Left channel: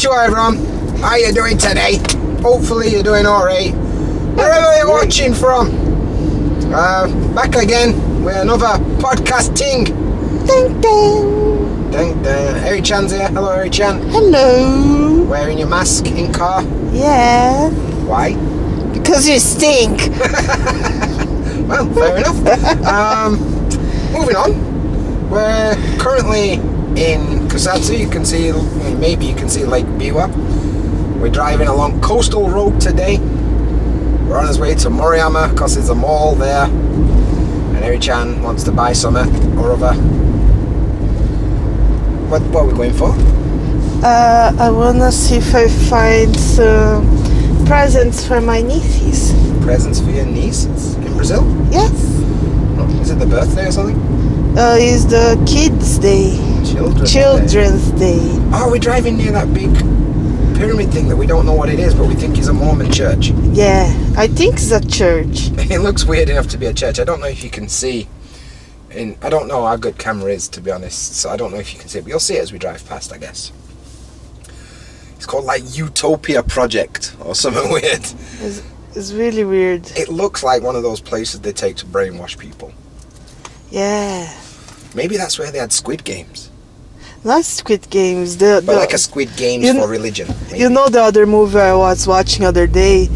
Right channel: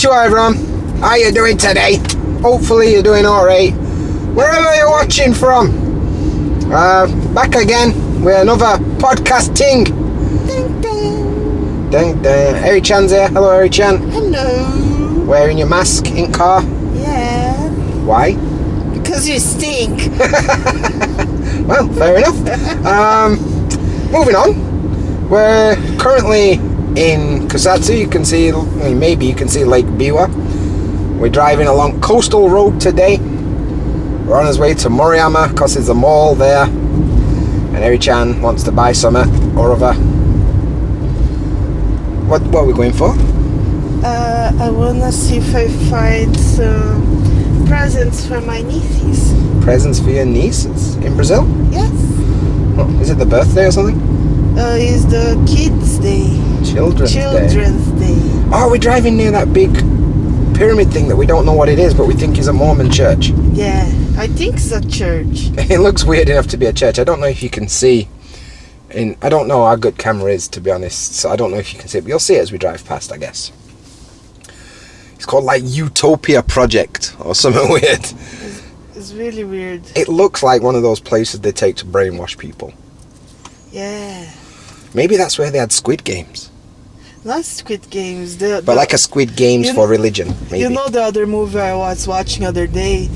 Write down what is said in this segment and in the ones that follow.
Konnichiwa everyone, how you doing today? Hopefully you're doing alright. Wherever you're watching from. Back again with another podcast ting. Ding ding. Ding ding. Erichan's here. Hello Erichan. Hello. Wearing your mask in car? Yeah. Why? Because you stink. Well, fair enough. Moving on. We're currently in Kusatsu. You can see, maybe you can see Lake Biwa. We're driving along coastal road today. We're on his way to Moriyama because there's a mall there. And Erichan wants to buy something or other. What are we going for? I wanna see if I find some presents for my nieces. Presents for your nieces in Brazil? Yes. Oh, is it the birthday or something? It's the kids' day. Children's day. Oh, we're driving near that big pyramid thing that we don't know what it is, but we think is a Mormon church. Yeah, I think it's a church. It looks weird enough to be a church. I don't know if you can see. I don't know how good camera is, to be honest, so I don't know if you can see it, but you'll see it as we drive past, I guess. It's called like Utopia Project or something weird. It's really weird. It looks like one of those places they take to brainwash people. Yeah. Maybe that's where they had Squid Games. Not Squid Games. But like a Squid Games for religion. Maybe. You know the other movie I was watching the other day?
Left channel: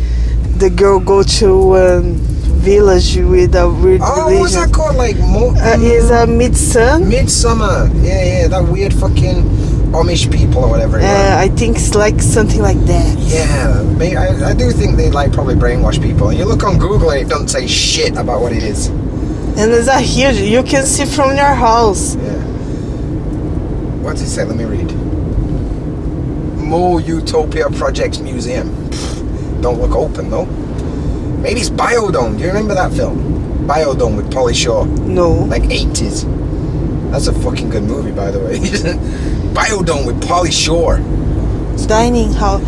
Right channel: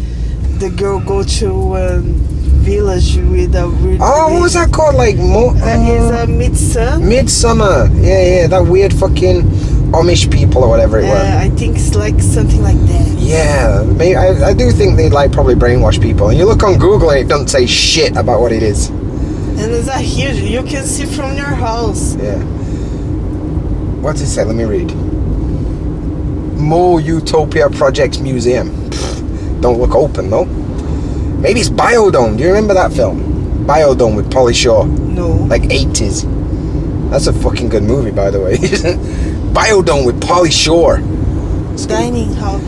The girl go to village with a weird what was that called? Like it's a Midsummer. Yeah, that weird fucking Amish people or whatever it was. I think it's like something like that. Yeah, maybe, I do think they like probably brainwash people. And you look on Google and it doesn't say shit about what it is. And it's a huge, you can see from your house. Yeah. What does it say? Let me read. Mo Utopia Project Museum. Pfft, don't look open though. Maybe it's Biodome. Do you remember that film? Biodome with Pauly Shore. No. Like 80s. That's a fucking good movie, by the way. Biodome with Pauly Shore. Dining hall.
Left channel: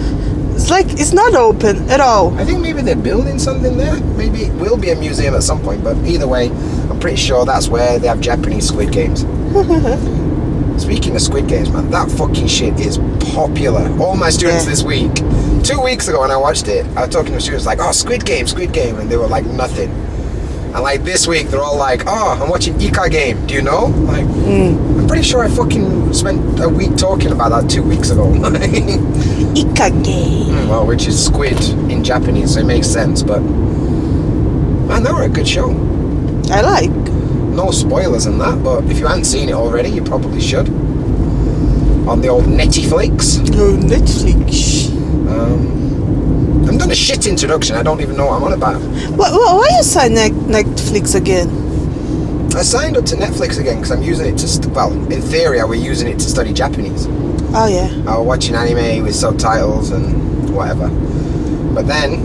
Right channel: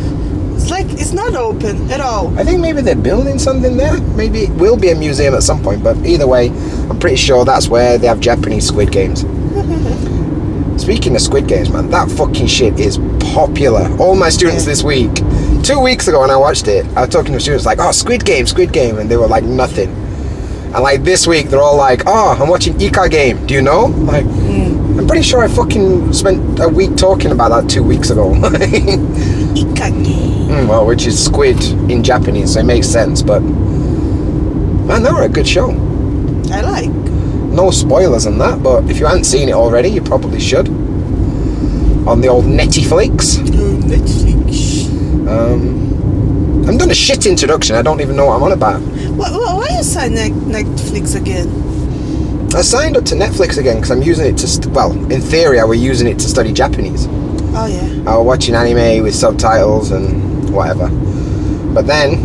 It's like, it's not open at all. I think maybe they're building something there. Maybe it will be a museum at some point, but either way, I'm pretty sure that's where they have Japanese Squid Games. Speaking of Squid Games, man, that fucking shit is popular. All my students this week, 2 weeks ago when I watched it, I was talking to students like, oh, Squid Game, and they were like, nothing. And like this week, they're all like, oh, I'm watching Ika Game. Do you know? Like, I'm pretty sure I fucking spent a week talking about that 2 weeks ago. Ika Game. Well, which is squid in Japanese, so it makes sense, but man, they were a good show. I like. No spoilers in that, but if you haven't seen it already, you probably should. On the old Netflix. Oh, Netflix. I've done a shit introduction, I don't even know what I'm on about. Why you sign Netflix again? I signed up to Netflix again because I'm using it to, well, in theory I was using it to study Japanese. Oh yeah. I was watching anime with subtitles and whatever. But then,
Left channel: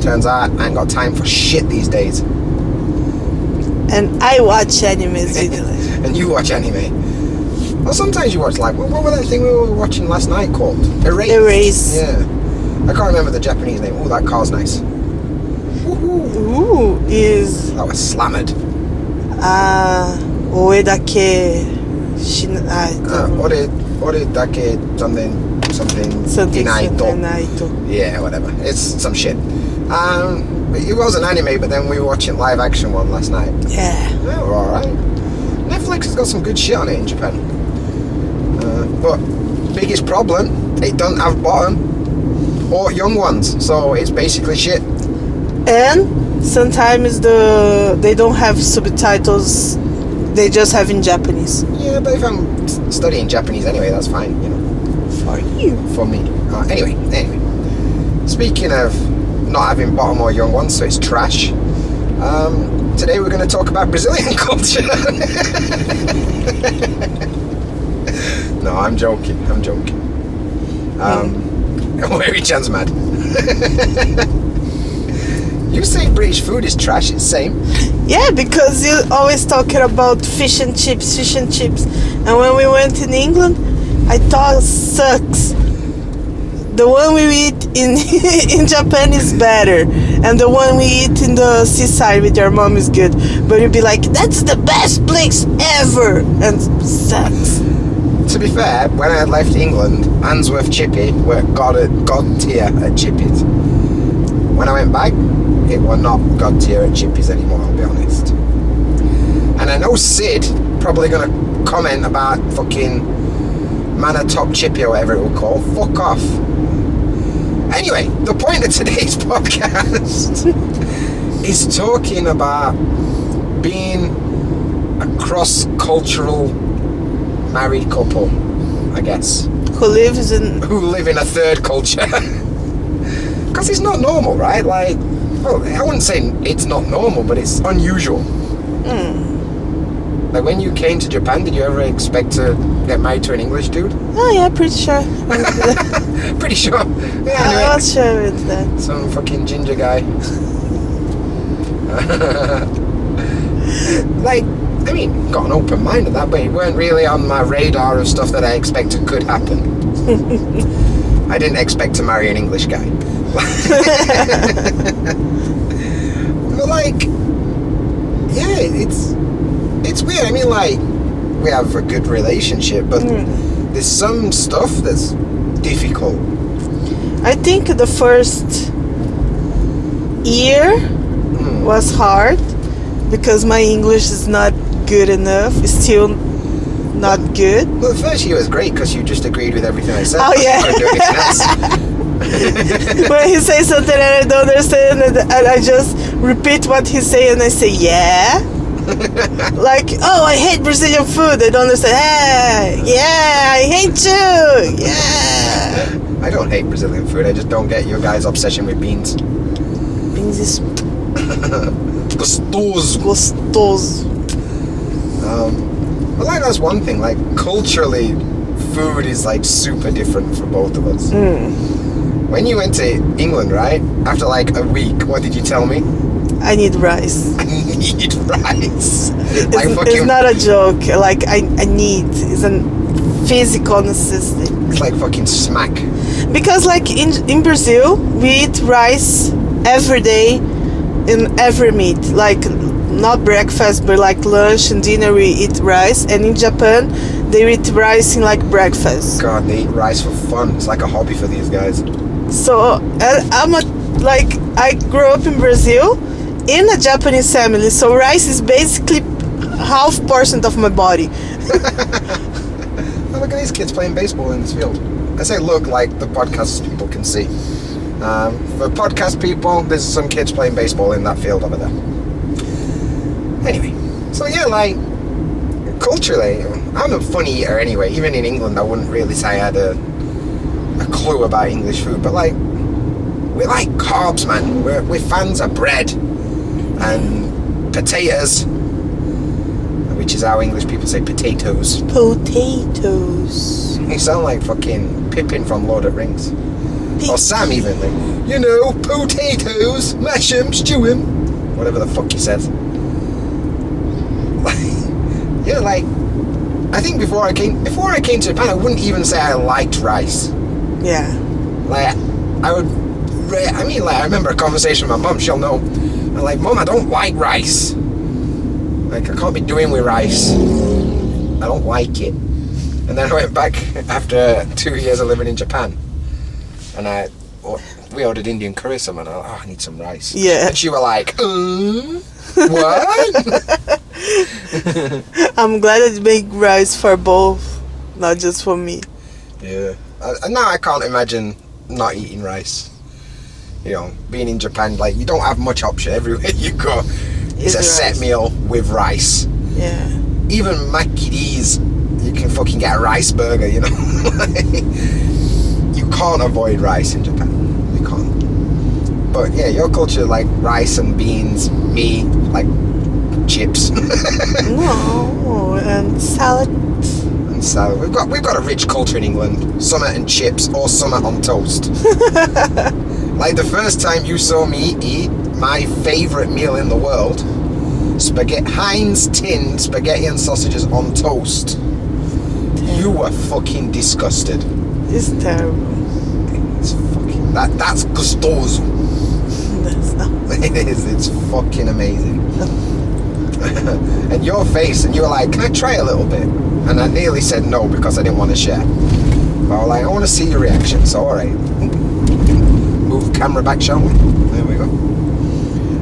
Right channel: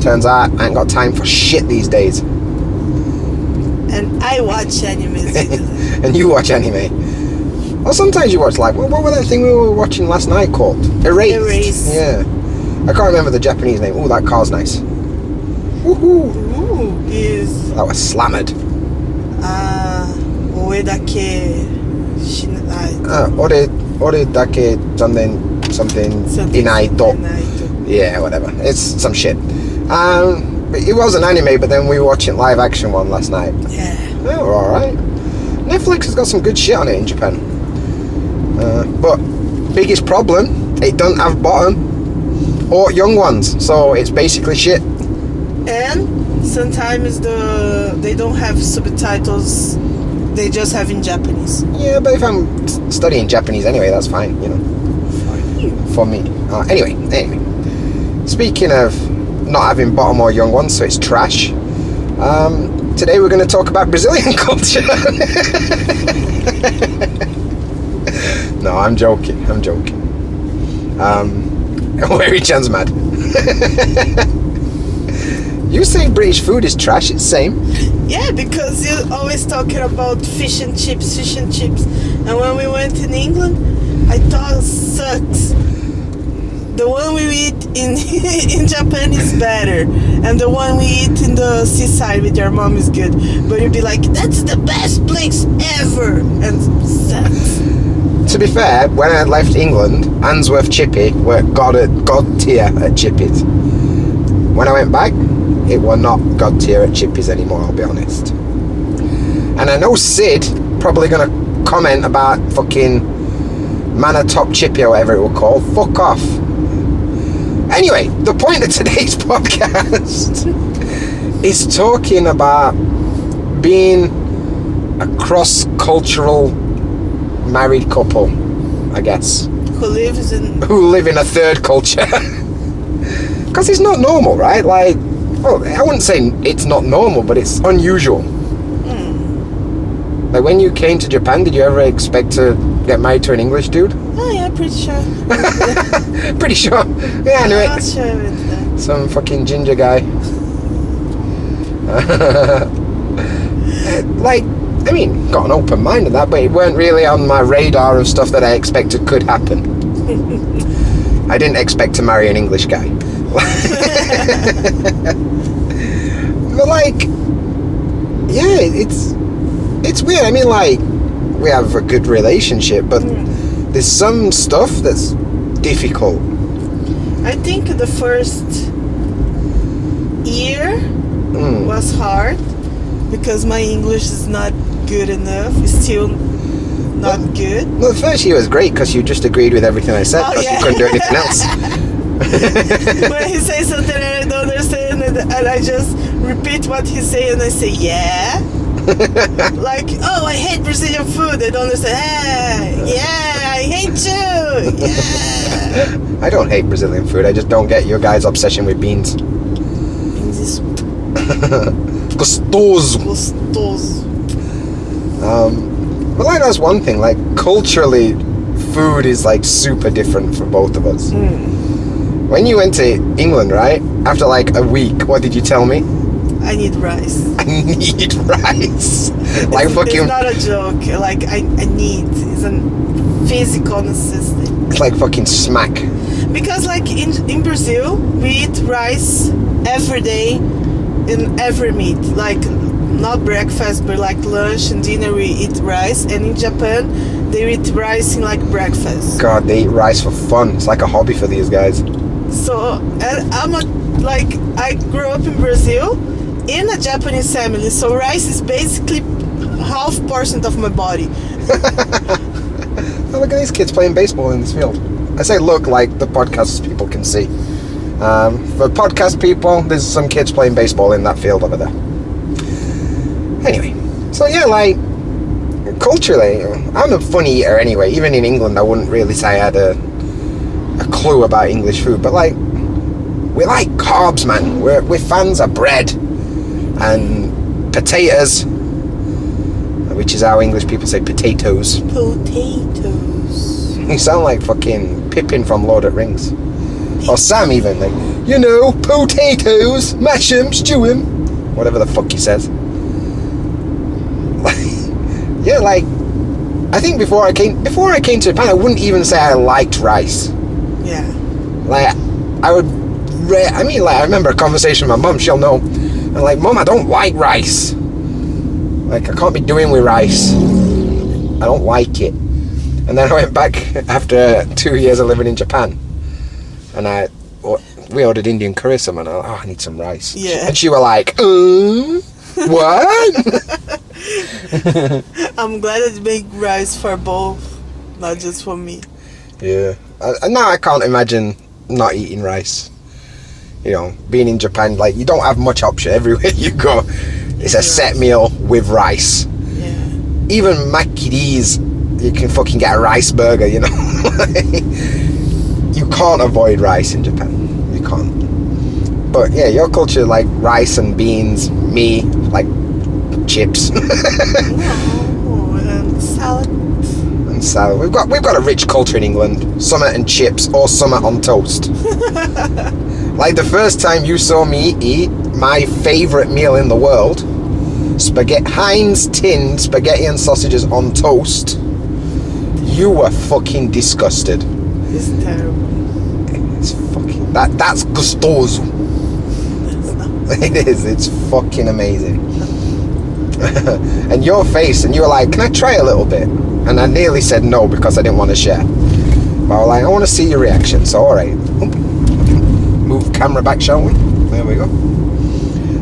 turns out I ain't got time for shit these days. And I watch anime. And you watch anime. Well, sometimes you watch like, what was that thing we were watching last night called? Erase. Yeah. I can't remember the Japanese name. Oh, that car's nice. Woohoo. Ooh, is... That was slammered. Oe dake... Ore dake something inaito. Yeah, whatever. It's some shit. It was an anime, but then we were watching live action one last night. Yeah. We're alright. Netflix has got some good shit on it in Japan. But biggest problem, it doesn't have bottom or young ones, so it's basically shit. And sometimes they don't have subtitles, they just have in Japanese. Yeah, but if I'm studying Japanese anyway, that's fine, you know. For you. For me. Anyway. Speaking of not having bottom or young ones, so it's trash. Today we're going to talk about Brazilian culture. No, I'm joking. Erichan's mad. You say British food is trash, it's same. Yeah, because you're always talking about fish and chips. And when we went in England, I thought it sucks. the one we eat in in Japan is better, and the one we eat in the seaside with your mom is good. But you'd be like, that's the best place ever, and sucks. To be fair, when I left England, Handsworth Chippy were god tier at Chippies. When I went back, it were not god tier at Chippies anymore, I'll be honest. And I know Sid probably gonna comment about fucking Manor Top Chippy or whatever it will call. Fuck off. Anyway, the point of today's podcast is talking about being a cross-cultural married couple, I guess. Who live in a third culture. Because it's not normal, right? Like, well, I wouldn't say it's not normal, but it's unusual. Like, when you came to Japan, did you ever expect to get married to an English dude? Oh yeah, pretty sure. Pretty sure. Yeah, anyway. I'm not sure with that. Some fucking ginger guy. Like, I mean, got an open mind of that, but it weren't really on my radar of stuff that I expected could happen. I didn't expect to marry an English guy. But like, yeah, it's weird. I mean, like, we have a good relationship, but there's some stuff that's difficult. I think the first year was hard because my English is not good enough. It's still not good. Well, the first year was great because you just agreed with everything I said. Oh, yeah. You couldn't do anything else. When he says something and I don't understand, and I just repeat what he say, and I say yeah. Like, oh, I hate Brazilian food. I don't understand. Hey, yeah, I hate you. Yeah. I don't hate Brazilian food. I just don't get your guys' obsession with beans. Beans is gostoso. But like, that's one thing. Like, culturally, food is like super different for both of us. When you went to England, right? After like a week, what did you tell me? I need rice. I need rice. Like it's not a joke. Like, I need. It's a physical necessity. It's like fucking smack. Because like in Brazil, we eat rice every day in every meat. Like, not breakfast, but like lunch and dinner we eat rice. And in Japan, they eat rice in like breakfast. God, they eat rice for fun. It's like a hobby for these guys. So, and I grew up in Brazil in a Japanese family, so rice is basically 0.5% of my body. Oh, look at these kids playing baseball in this field. I say look like the podcast people can see. For podcast people, there's some kids playing baseball in that field over there. Anyway, so yeah, like, culturally, I'm a funny eater anyway. Even in England, I wouldn't really say I had a clue about English food, but like, we like carbs, man. We're fans of bread and potatoes, which is how English people say potatoes. Potatoes. You sound like fucking Pippin from Lord of the Rings. Or Sam even, like, you know, potatoes, mash 'em, stew 'em, whatever the fuck he says. Yeah, like, I think before I came to Japan, I wouldn't even say I liked rice. Yeah. Like, I remember a conversation with my mum. She'll know. I'm like, Mum, I don't like rice. Like, I can't be doing with rice. I don't like it. And then I went back after 2 years of living in Japan, and we ordered Indian curry. Someone, I need some rice. Yeah. And she were like, what? I'm glad it make rice for both, not just for me. Yeah. Now I can't imagine not eating rice. You know, being in Japan, like, you don't have much option. Everywhere you go, it's a set meal with rice. Yeah. Even McD's, you can fucking get a rice burger, you know. You can't avoid rice in Japan. You can't. But yeah, your culture, like rice and beans, me, like chips. No, and salad. And salad. We've got a rich culture in England. Summer and chips, or summer on toast. Like the first time you saw me eat my favourite meal in the world, Heinz tinned spaghetti and sausages on toast, you were fucking disgusted. It's terrible. It's fucking... That's gustoso. That's not. It is. It's fucking amazing. And your face, and you were like, can I try a little bit? And I nearly said no because I didn't want to share. But I was like, I want to see your reaction. So, alright. Move camera back, shall we? There we go.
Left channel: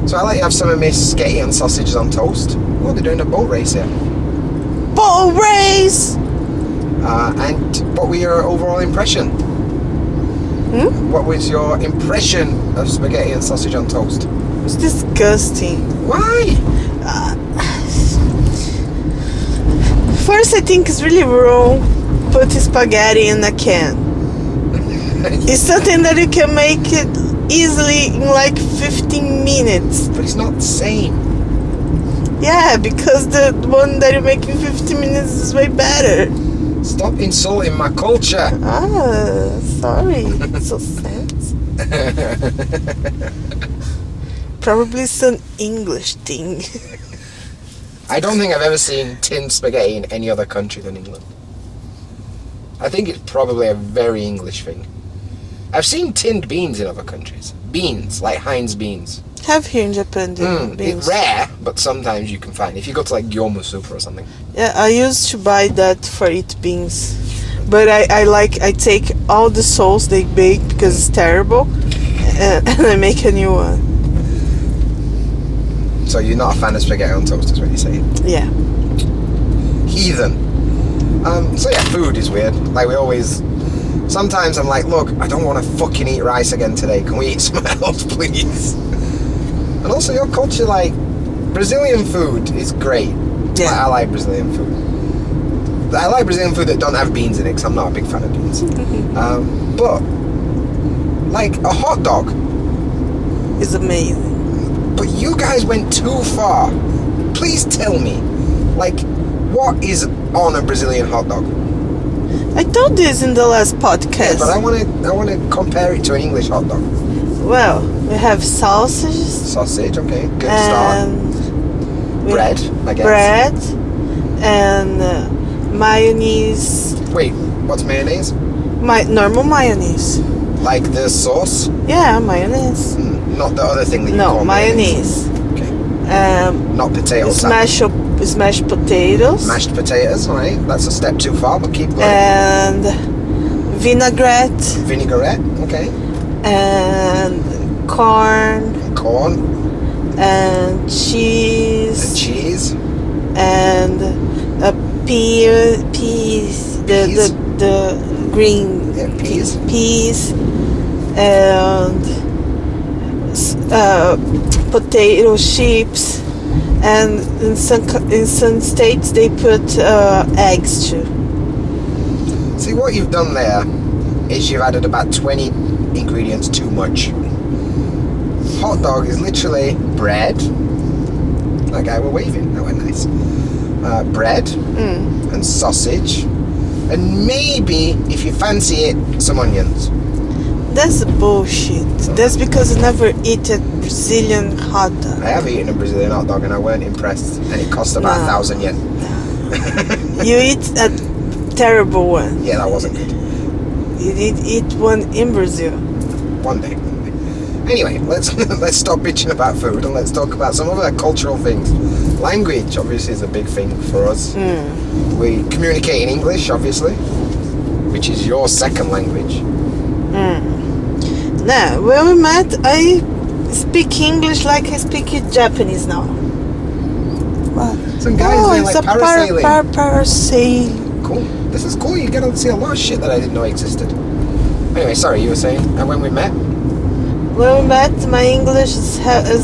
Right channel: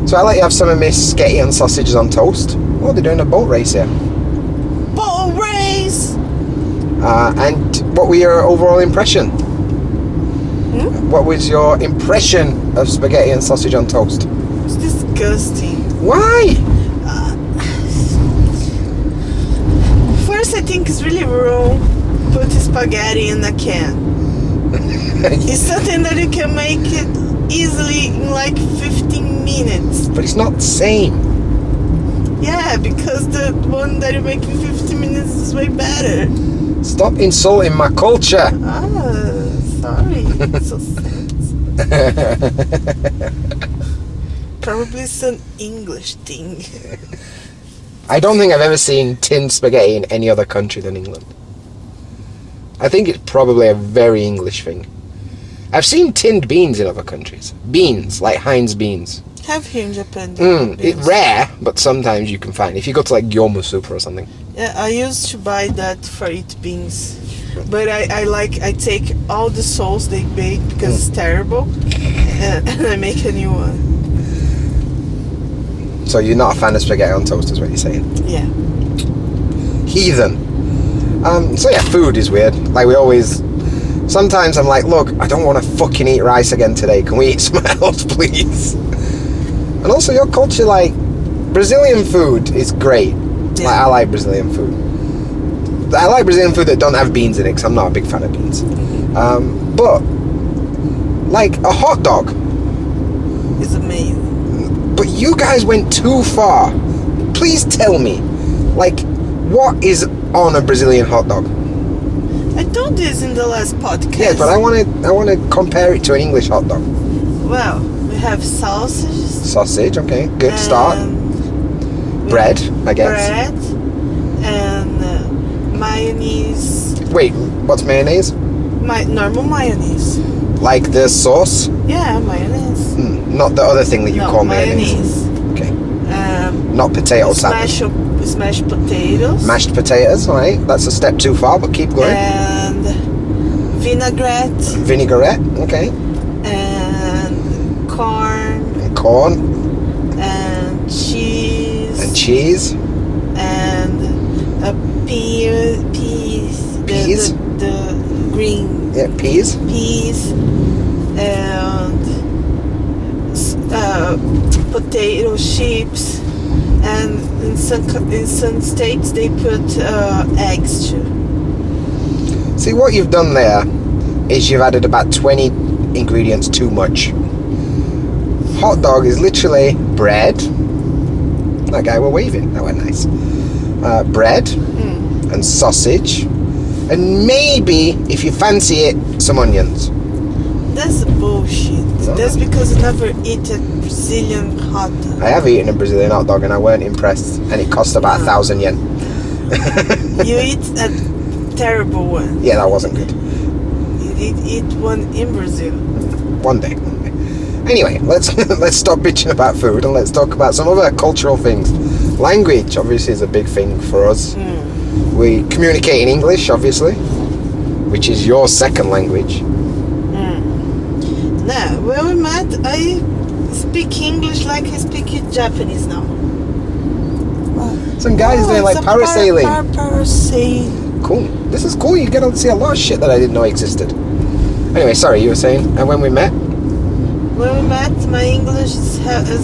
So I let you have some of my sketty and sausages on toast. Oh, they're doing a boat race here. Boat race! And what were your overall impression? What was your impression of spaghetti and sausage on toast? It's disgusting. Why? First, I think it's really wrong put spaghetti in a can. It's something that you can make it easily in like 15 minutes. But it's not the same. Yeah, because the one that you make in 15 minutes is way better. Stop insulting my culture. Sorry. It's so sense. Probably it's an English thing. I don't think I've ever seen tinned spaghetti in any other country than England. I think it's probably a very English thing. I've seen tinned beans in other countries. Beans, like Heinz beans. Have here in Japan. It's rare, but sometimes you can find. If you go to like Gyomu Super or something. Yeah, I used to buy that for eat beans. But I take all the sauce they bake because it's terrible, and I make a new one. So you're not a fan of spaghetti on toast, is what you're saying? Yeah. Heathen. So yeah, food is weird. Like we always... Sometimes I'm like, look, I don't want to fucking eat rice again today. Can we eat something else, please? And also your culture, like, Brazilian food is great. Yeah. Like, I like Brazilian food. I like Brazilian food that don't have beans in it, because I'm not a big fan of beans. But, like, a hot dog. It's amazing. But you guys went too far. Please tell me, like, what is on a Brazilian hot dog? I told this in the last podcast. Yeah, but I want to compare it to an English hot dog. Well, we have sausages. Sausage, okay, good start. Bread, I guess. Bread and mayonnaise. Wait, what's mayonnaise? Normal mayonnaise. Like the sauce? Yeah, mayonnaise. Not the other thing that you call mayonnaise. mayonnaise. Okay. Not potato salad. Smashed potatoes. Mashed potatoes, alright. That's a step too far, but keep going. And vinaigrette. Vinaigrette, okay. And corn. And corn. And cheese. And cheese. And peas. Peas? The green. Yeah, peas. Peas. And potato chips. And in some states they put eggs too. See, what you've done there is you've added about 20 ingredients too much. Hot dog is literally bread. That guy were waving. That went nice. Bread and sausage, and maybe, if you fancy it, some onions. That's bullshit. That's because I never eat a Brazilian hot dog. I have eaten a Brazilian hot dog and I weren't impressed, and it cost about 1,000 yen. You eat a terrible one. Yeah, that wasn't good. You did eat one in Brazil. One day. Anyway, let's stop bitching about food and let's talk about some other cultural things. Language, obviously, is a big thing for us. We communicate in English, obviously, which is your second language. Now, when we met, I speak English like I speak Japanese now. Some guys doing like parasailing. Parasailing. Cool. This is cool. You get to see a lot of shit that I didn't know existed. Anyway, sorry, you were saying, and when we met? When we met, my English is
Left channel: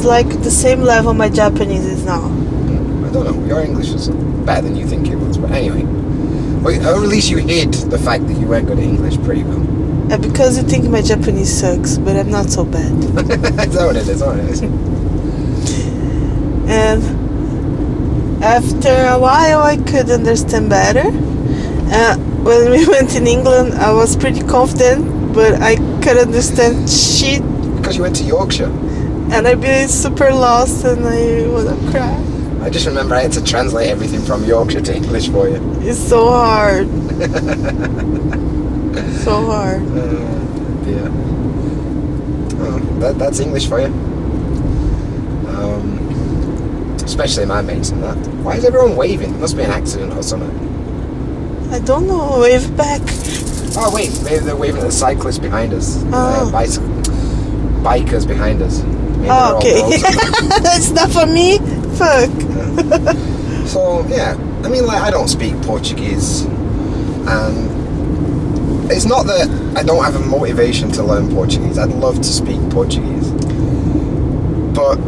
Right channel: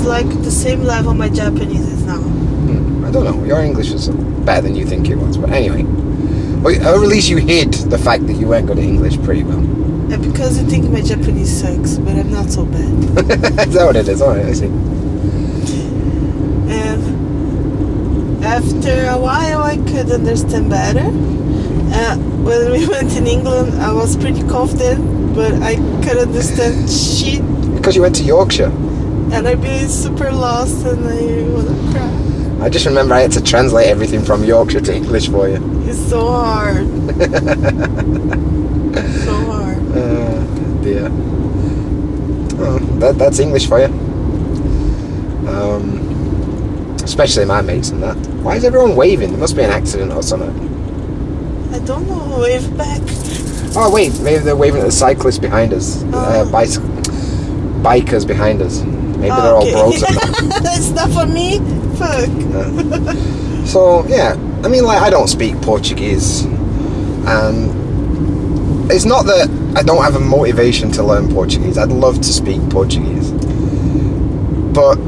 like the same level my Japanese is now. I don't know. Your English is better than you think it was, but anyway. Or at least you hid the fact that you weren't good at English pretty well. Because you think my Japanese sucks, but I'm not so bad. Is that what it is? Alright. And after a while, I could understand better. When we went in England, I was pretty confident, but I could understand shit. Because you went to Yorkshire. And I'd be super lost and I would have cried. I just remember I had to translate everything from Yorkshire to English for you. It's so hard. So hard. dear. Oh, that's English for you. Especially my mates and that. Why is everyone waving? There must be an accident or something. I don't know. Wave back. Oh wait, maybe they're waving at the cyclists behind us. Bikers behind us. Maybe they're okay. all bros. That's not for me. Fuck. So yeah, I mean, like, I don't speak Portuguese, and it's not that I don't have a motivation to learn Portuguese. I'd love to speak Portuguese, but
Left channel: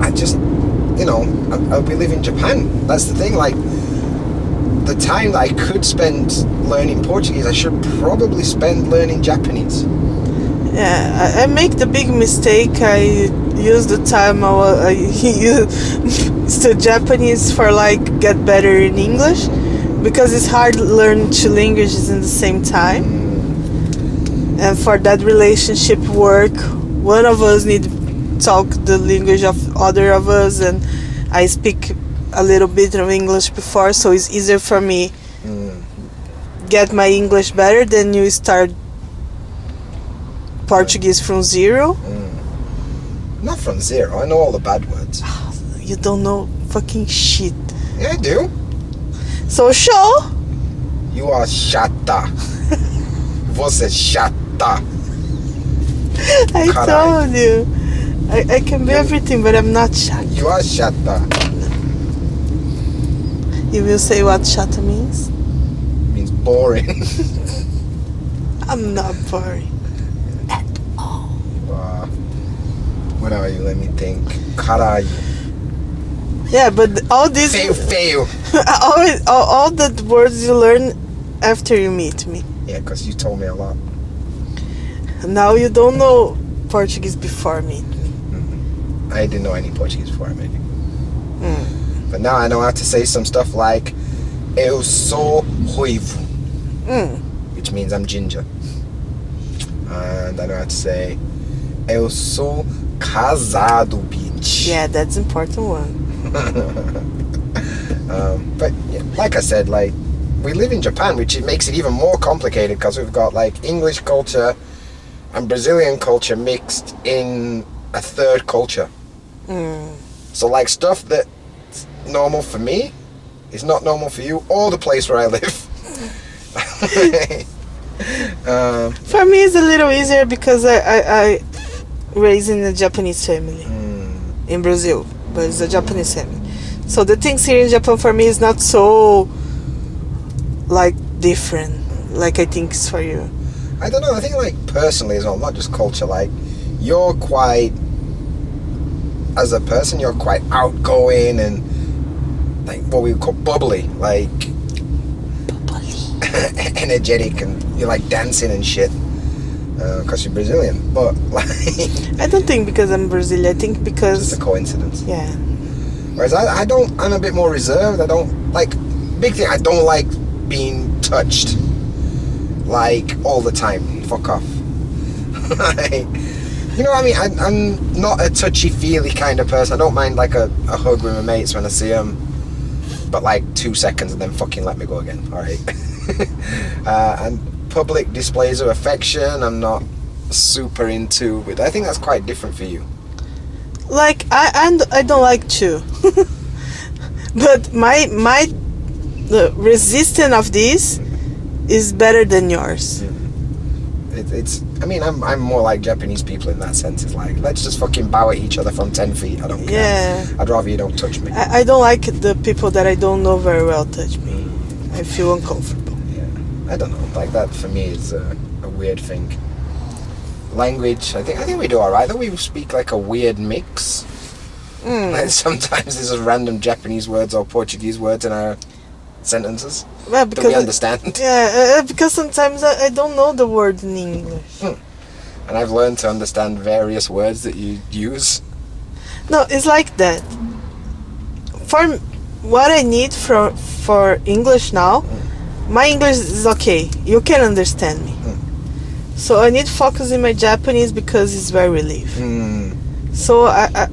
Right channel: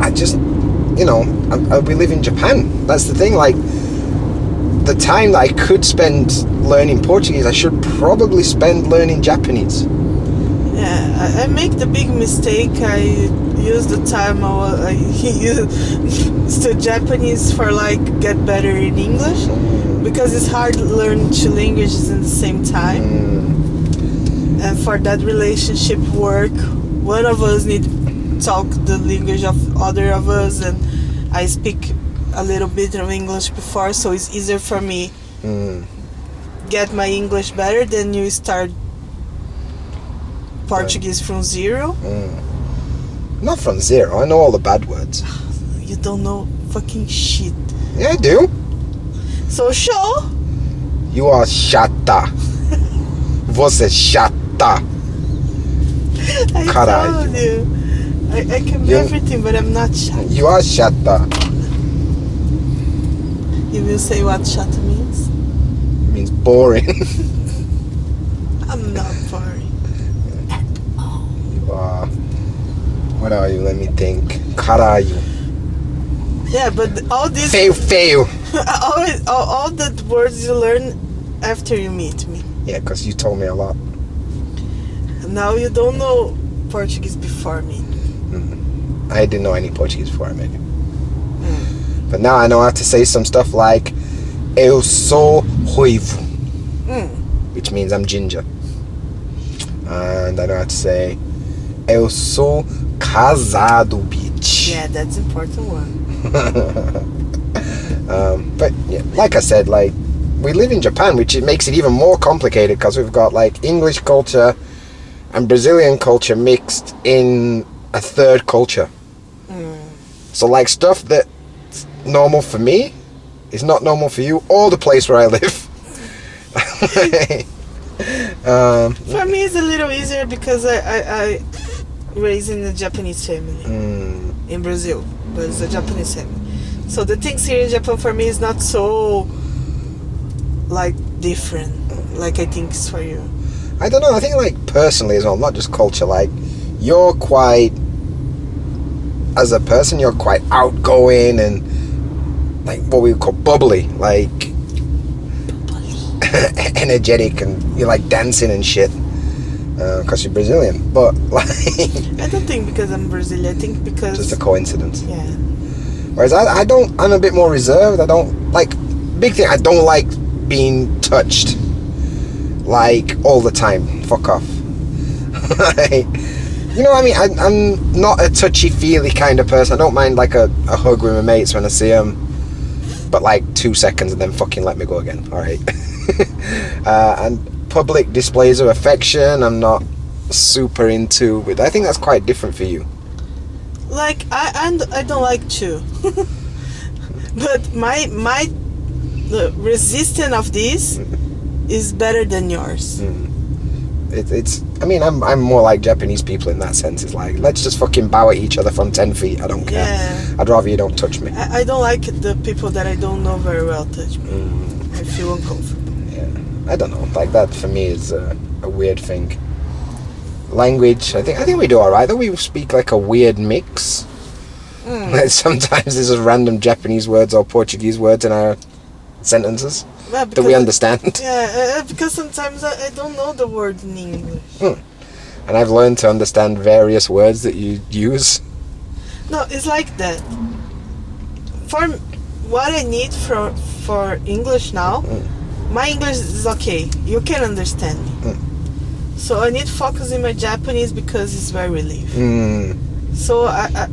I just, we live in Japan. That's the thing. Like, the time that I could spend learning Portuguese, I should probably spend learning Japanese. Yeah, I make the big mistake. I use the time I used to Japanese for get better in English, because it's hard to learn two languages in the same time. And for that relationship work, one of us need to talk the language of other of us, and I speak a little bit of English before, so it's easier for me get my English better than you start Portuguese from zero. Not from zero. I know all the bad words. You don't know fucking shit. Yeah, I do. So show. You are chata. Você chata. I Caralho. told you. I can be everything, but I'm not chata. You are chata. You will say what chata means? It means boring. I'm not boring at all. You are... What are you? Let me think. Caralho. Yeah, but all these... Feio. all the words you learn after you meet me. Yeah, because you told me a lot. Now you don't know Portuguese before me. I didn't know any Portuguese before I met you. But now I know how to say some stuff like Eu sou ruivo, which means I'm ginger. And I know how to say Eu sou casado, bitch. Yeah, that's an important one. But yeah, like I said, we live in Japan, which it makes it even more complicated because we've got English culture and Brazilian culture mixed in a third culture. So stuff that's normal for me is not normal for you or the place where I live. For me it's a little easier because I raised in a Japanese family in Brazil, but it's a Japanese family. So the things here in Japan for me is not so different like I think it's for you. I don't know, I think personally as well, not just culture, you're quite, as a person, you're quite outgoing and what we would call bubbly, energetic, and you like dancing and shit because you're Brazilian. But I don't think because I'm Brazilian, I think because just a coincidence. Yeah. Whereas I don't, I'm a bit more reserved. I don't big thing, I don't like being touched all the time. Fuck off. You know what I mean? I'm not a touchy-feely kind of person. I don't mind a hug with my mates when I see them, but 2 seconds and then fucking let me go again. All right. And public displays of affection, I'm not super into. But I think that's quite different for you. I don't like to, but my the resistance of this is better than yours. It's. I mean, I'm more like Japanese people in that sense. It's let's just fucking bow at each other from 10 feet. I don't care. Yeah. I'd rather you don't touch me. I don't like the people that I don't know very well touch me. I feel uncomfortable. Yeah. I don't know. That for me is a weird thing. Language. I think we do all right. Though we speak a weird mix. Sometimes there's just random Japanese words or Portuguese words in our sentences. Well, that we understand. Because sometimes I don't know the word in English. And I've learned to understand various words that you use. No, it's like that. For what I need for English now, my English is okay. You can understand me. So I need focus in my Japanese because it's very relief. So I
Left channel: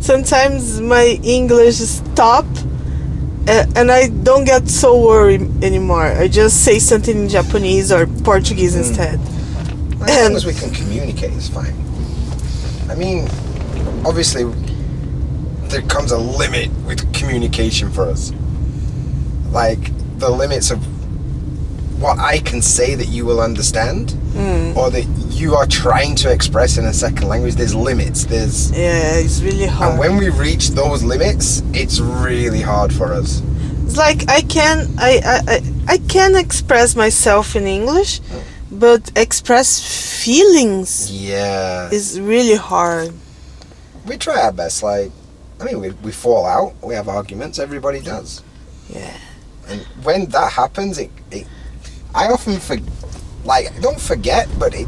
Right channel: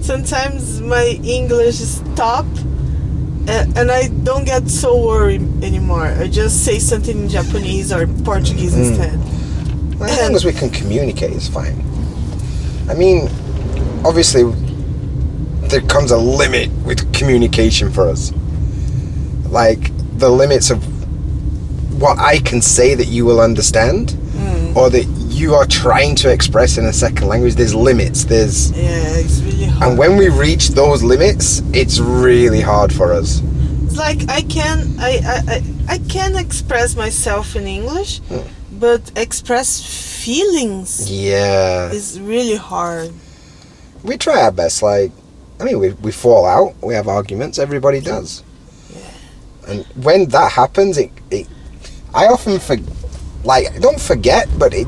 sometimes my English stop. And I don't get so worried anymore. I just say something in Japanese or Portuguese instead. As long as we can communicate, it's fine. I mean, obviously, there comes a limit with communication for us. Like, the limits of what I can say that you will understand, or that you are trying to express in a second language. There's limits. Yeah, it's really hard. And when we reach those limits, it's really hard for us. It's like I can express myself in English, but express feelings is really hard. We try our best. Like, I mean, we fall out, we have arguments, everybody does. Yeah. And when that happens, I often don't forget, but I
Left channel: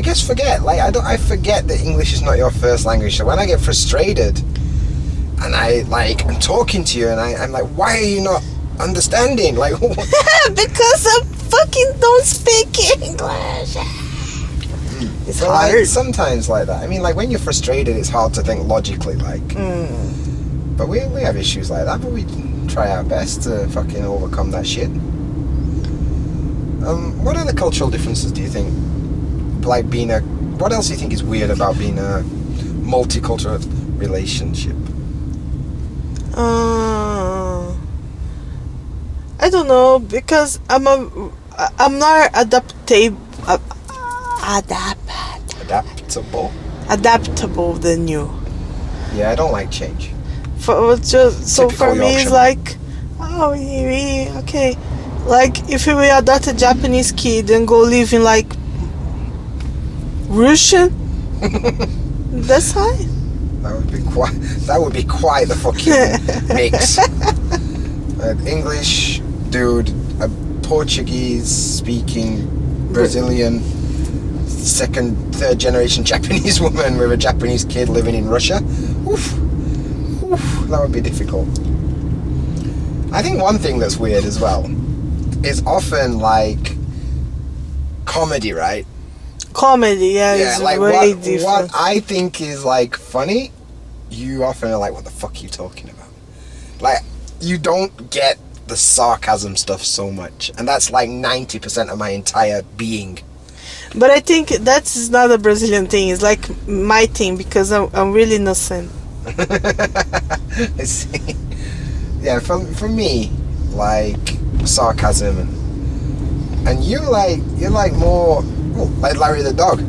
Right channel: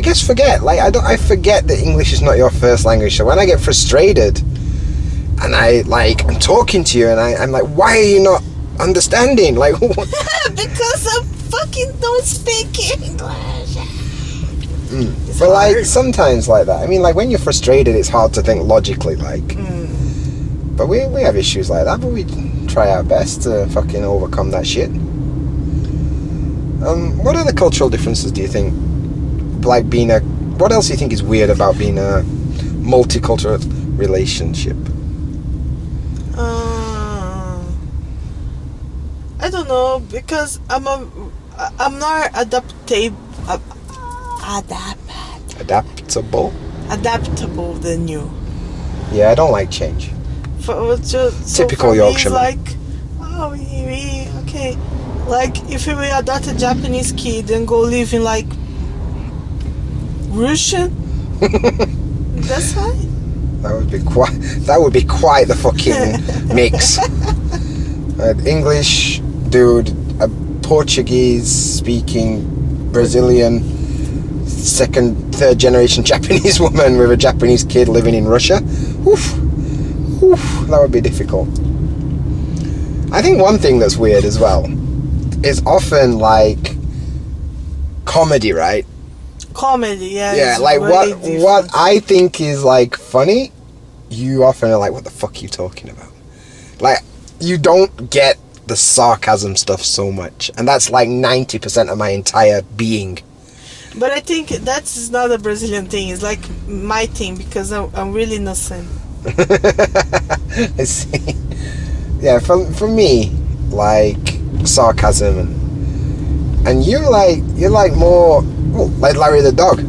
guess forget. Like, I forget that English is not your first language. So when I get frustrated and I'm talking to you and I'm like, why are you not understanding? Like, what? Because I fucking don't speak English. It's but hard. like sometimes like that. I mean, like when you're frustrated, it's hard to think logically. Like, but we have issues like that, but we try our best to fucking overcome that shit. What other cultural differences do you think? Like what else do you think is weird about being a multicultural relationship? I don't know, because I'm not adaptable than you. Yeah, I don't like change. Typical for me, Yorkshireman. it's like, okay. Like, if we adopt a Japanese kid and go live in, like, Russian, that's fine. That would be quite the fucking mix. English dude, a Portuguese-speaking Brazilian, third generation Japanese woman with a Japanese kid living in Russia. Oof, that would be difficult. I think one thing that's weird as well is often like comedy, right? Comedy, yeah. Like what I think is like funny, you often are like, what the fuck are you talking about? Like, you don't get the sarcasm stuff so much, and that's like 90% of my entire being. But I think that's not a Brazilian thing. It's like my thing, because I'm really innocent. I see. Yeah, for me, like sarcasm and you're like more like Larry the dog.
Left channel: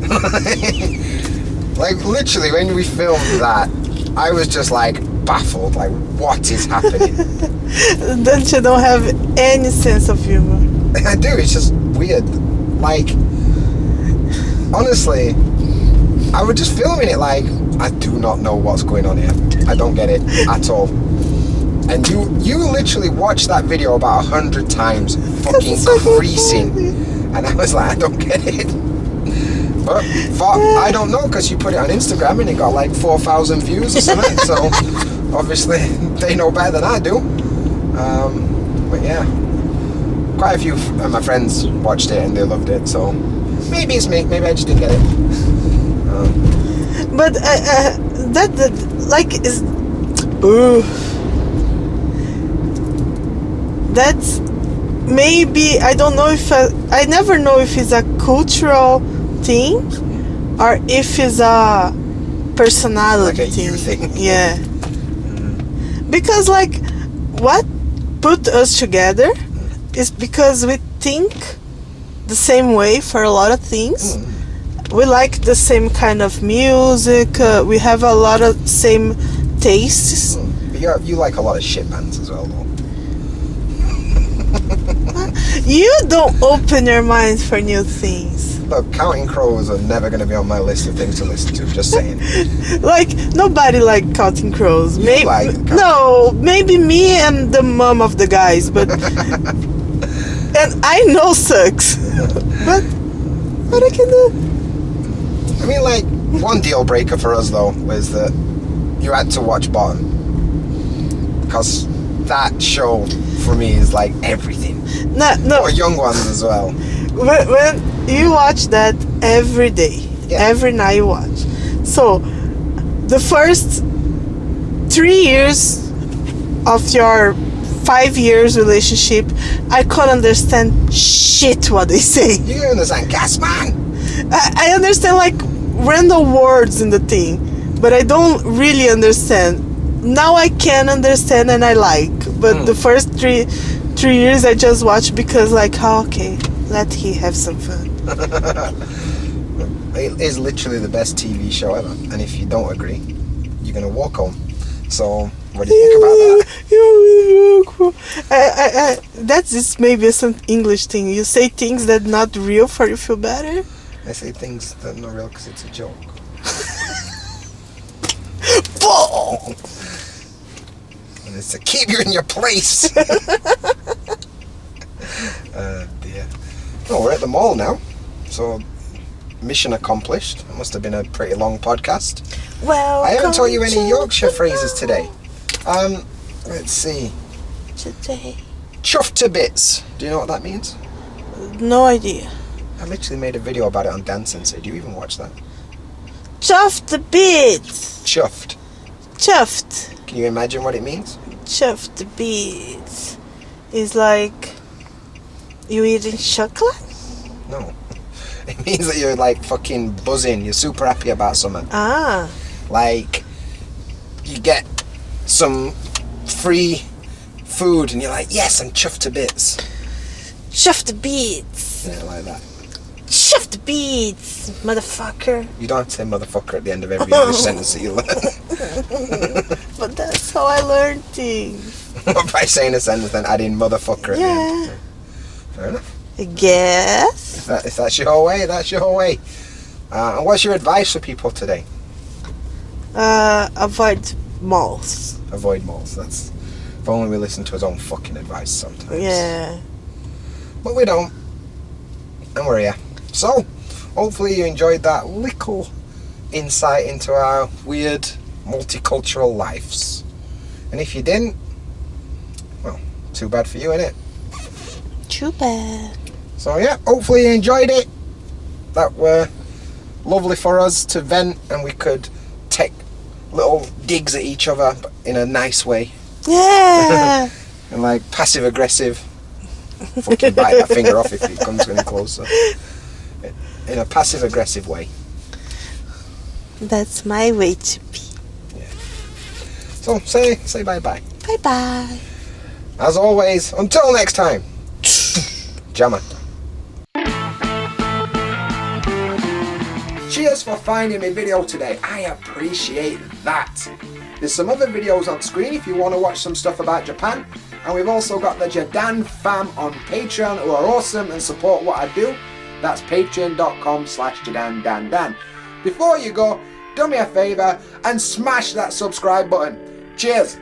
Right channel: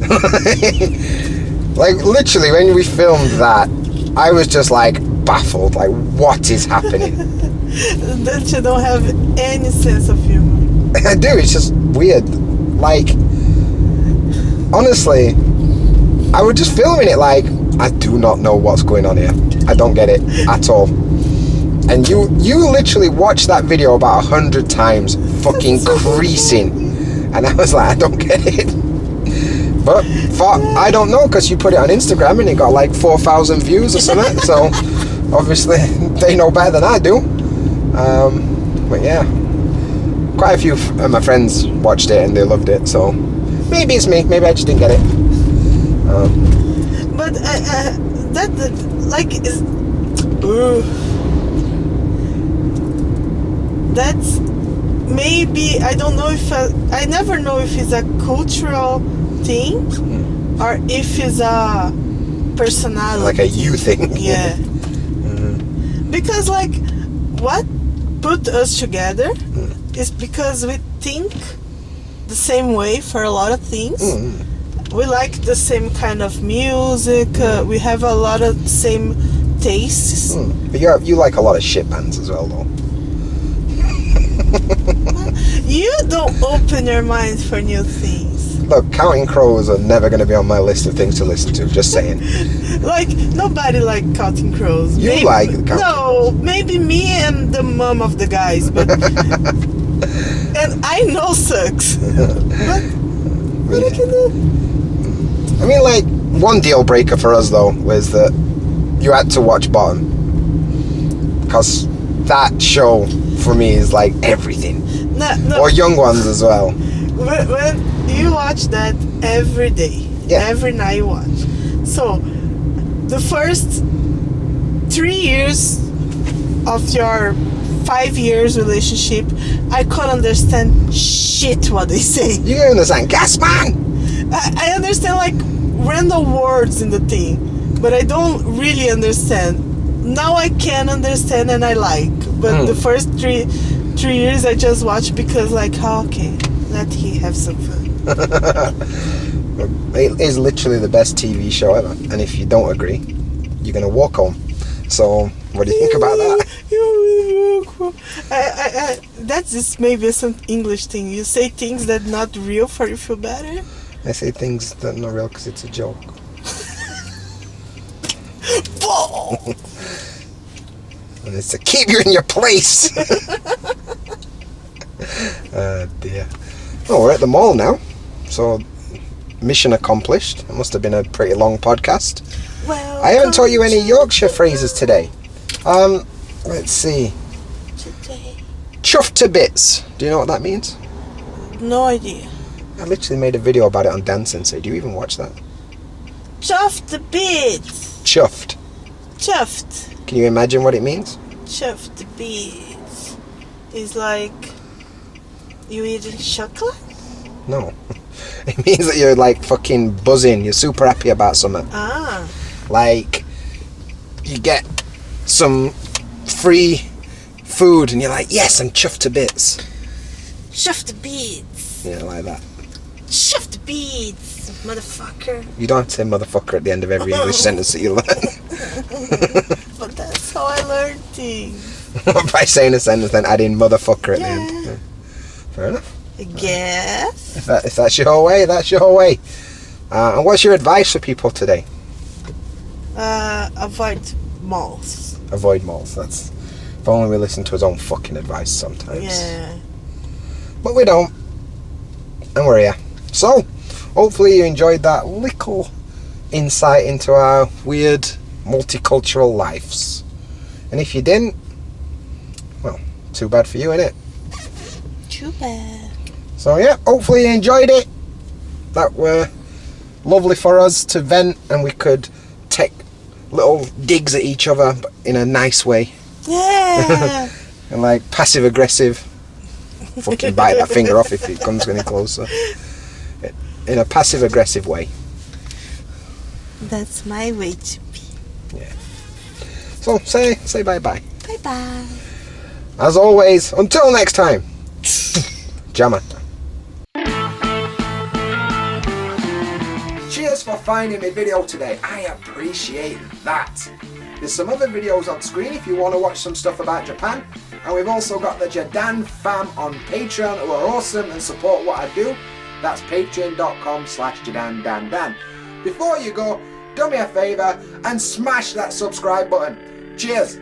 Like literally when we filmed that, I was just like baffled, like what is happening? Don't you don't have any sense of humor? I do, it's just weird. Like, honestly, I was just filming it like, I do not know what's going on here. I don't get it at all. And you literally watched that video about 100 times, fucking creasing. And I was like, I don't get it. But I don't know, because you put it on Instagram and it got like 4,000 views or something. So obviously they know better than I do. But yeah, quite a few of my friends watched it and they loved it. So maybe it's me. Maybe I just didn't get it. But that like is. That's maybe, I don't know if I never know if it's a cultural thing or if it's a personality, like a you thing. Yeah. Because like what put us together is because we think the same way for a lot of things. We like the same kind of music. We have a lot of same tastes. But you like a lot of shit bands as well, though. You don't open your mind for new things. Look, Counting Crows are never going to be on my list of things to listen to, just saying. Like, nobody like Counting Crows. You maybe, like Counting No, maybe me and the mom of the guys, but... and I know sucks. But what I can do? I mean, like, one deal breaker for us, though, was that you had to watch Bottom. Because that show, for me, is like everything. No. Or Young Ones as well. When you watch that every day, every night you watch. So, the first 3 years of your 5 years relationship, I can't understand shit what they say. You can understand gas man. I understand like random words in the thing, but I don't really understand. Now I can understand and I like, but the first three years I just watched because like, oh, okay, let he have some fun. It is literally the best TV show ever, and if you don't agree, you're gonna walk home. So, what do you think about that? That's just maybe some English thing. You say things that not real for you feel better. I say things that are not real because it's a joke. And it's to keep you in your place. Dear. Oh, we're at the mall now, so mission accomplished. It must have been a pretty long podcast. Well, I haven't taught you any Yorkshire phrases today. Let's see. Today. Chuffed to bits. Do you know what that means? No idea. I literally made a video about it on Dance Sensei. Do you even watch that? Chuffed a bit. Chuffed. Chuffed. Can you imagine what it means? Chuffed a bit. Is like you eating chocolate? No. It means that you're like fucking buzzing. You're super happy about something. Ah. Like you get some free food and you're like, yes, I'm chuffed to bits. Chuffed a bit. Yeah, like that. Chuffed a bit, motherfucker. You don't have to say motherfucker at the end of every English sentence that you learn. But that's how I learned things. By saying a sentence, then add in motherfucker at the end. Yeah. Fair enough. I guess. If that's your way, that's your way. And what's your advice for people today? Avoid malls. Avoid malls. That's if only we listen to his own fucking advice sometimes. Yeah. But we don't. And we're here. So, hopefully you enjoyed that little insight into our weird multicultural lives. And if you didn't, well, too bad for you, innit? Too bad. So yeah, hopefully you enjoyed it. That were lovely for us to vent and we could take little digs at each other but in a nice way. Yeah. And like passive aggressive. Fucking bite that finger off if it comes any closer. In a passive aggressive way. That's my way to be. Yeah. So say bye bye. Bye bye. As always, until next time. Gemma. Cheers for finding my video today. I appreciate that. There's some other videos on screen if you want to watch some stuff about Japan. And we've also got the JaDanFam on Patreon who are awesome and support what I do. That's patreon.com/JaDanDanDan. Before you go, do me a favour and smash that subscribe button. Cheers.